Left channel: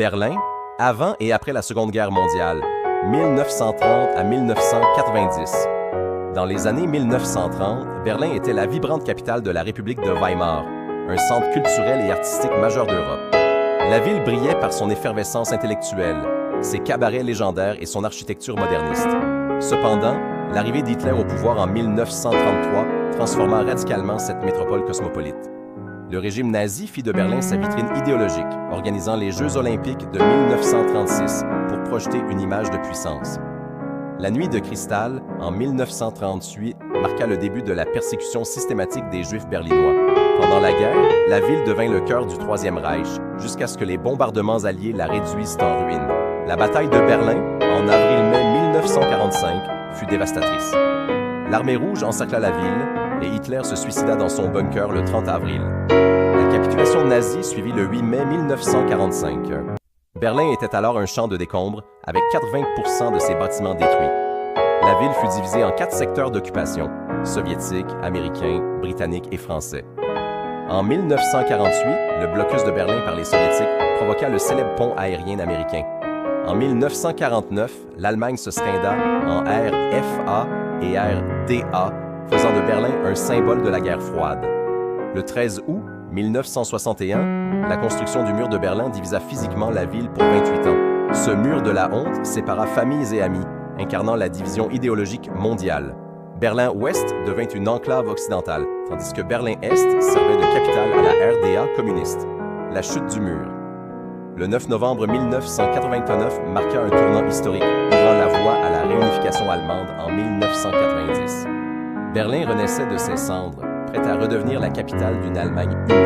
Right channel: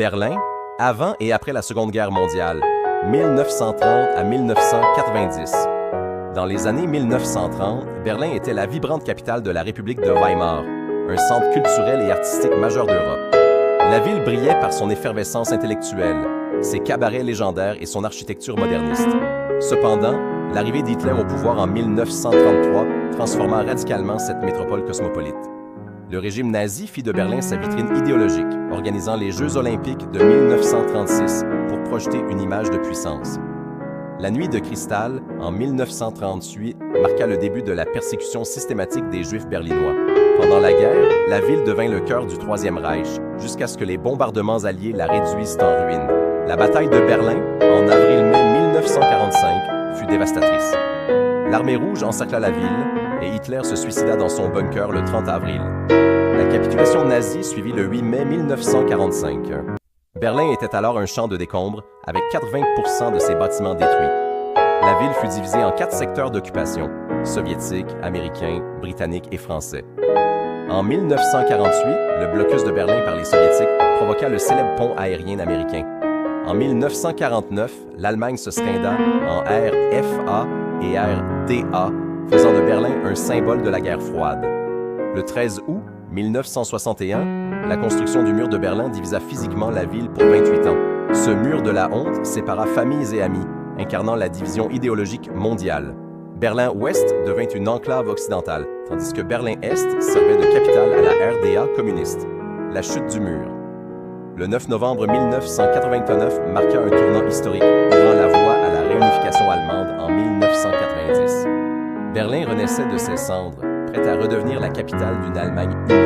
Berlin, avant et après la Seconde Guerre mondiale, 1930 à 1990. Dans les années 1930, Berlin était la vibrante capitale de la République de Weimar, un centre culturel et artistique majeur d'Europe. La ville brillait par son effervescence intellectuelle, ses cabarets légendaires et son architecture moderniste. Cependant, l'arrivée d'Hitler au pouvoir en 1933 transforma radicalement cette métropole cosmopolite. Le régime nazi fit de Berlin sa vitrine idéologique, organisant les Jeux olympiques de 1936 pour projeter une image de puissance. La Nuit de cristal, en 1938, marqua le début de la persécution systématique des Juifs berlinois. Pendant la guerre, la ville devint le cœur du Troisième Reich, jusqu'à ce que les bombardements alliés la réduisent en ruine. La bataille de Berlin, en avril-mai 1945, fut dévastatrice. L'Armée rouge encercla la ville et Hitler se suicida dans son bunker le 30 avril. La capitulation nazie suivit le 8 mai 1945. Berlin était alors un champ de décombres, avec 80% de ses bâtiments détruits. La ville fut divisée en 4 secteurs d'occupation, soviétiques, américains, britanniques et français. En 1948, le blocus de Berlin par les soviétiques provoqua le célèbre pont aérien américain. En 1949, l'Allemagne se scinda en RFA et RDA, faisant de Berlin un symbole de la guerre froide. Le 13 août 1961, la construction du mur de Berlin divisa physiquement la ville pour 28 ans. Ce mur de la honte sépara familles et amis, incarnant la division idéologique mondiale. Berlin-Ouest devint une enclave occidentale, tandis que Berlin-Est servait de capitale à la RDA communiste. La chute du mur. Le 9 novembre 1989 marqua un tournant historique, ouvrant la voie à la réunification allemande en 1990. Berlin renaissait de ses cendres, prête à redevenir la capitale d'une Allemagne unie.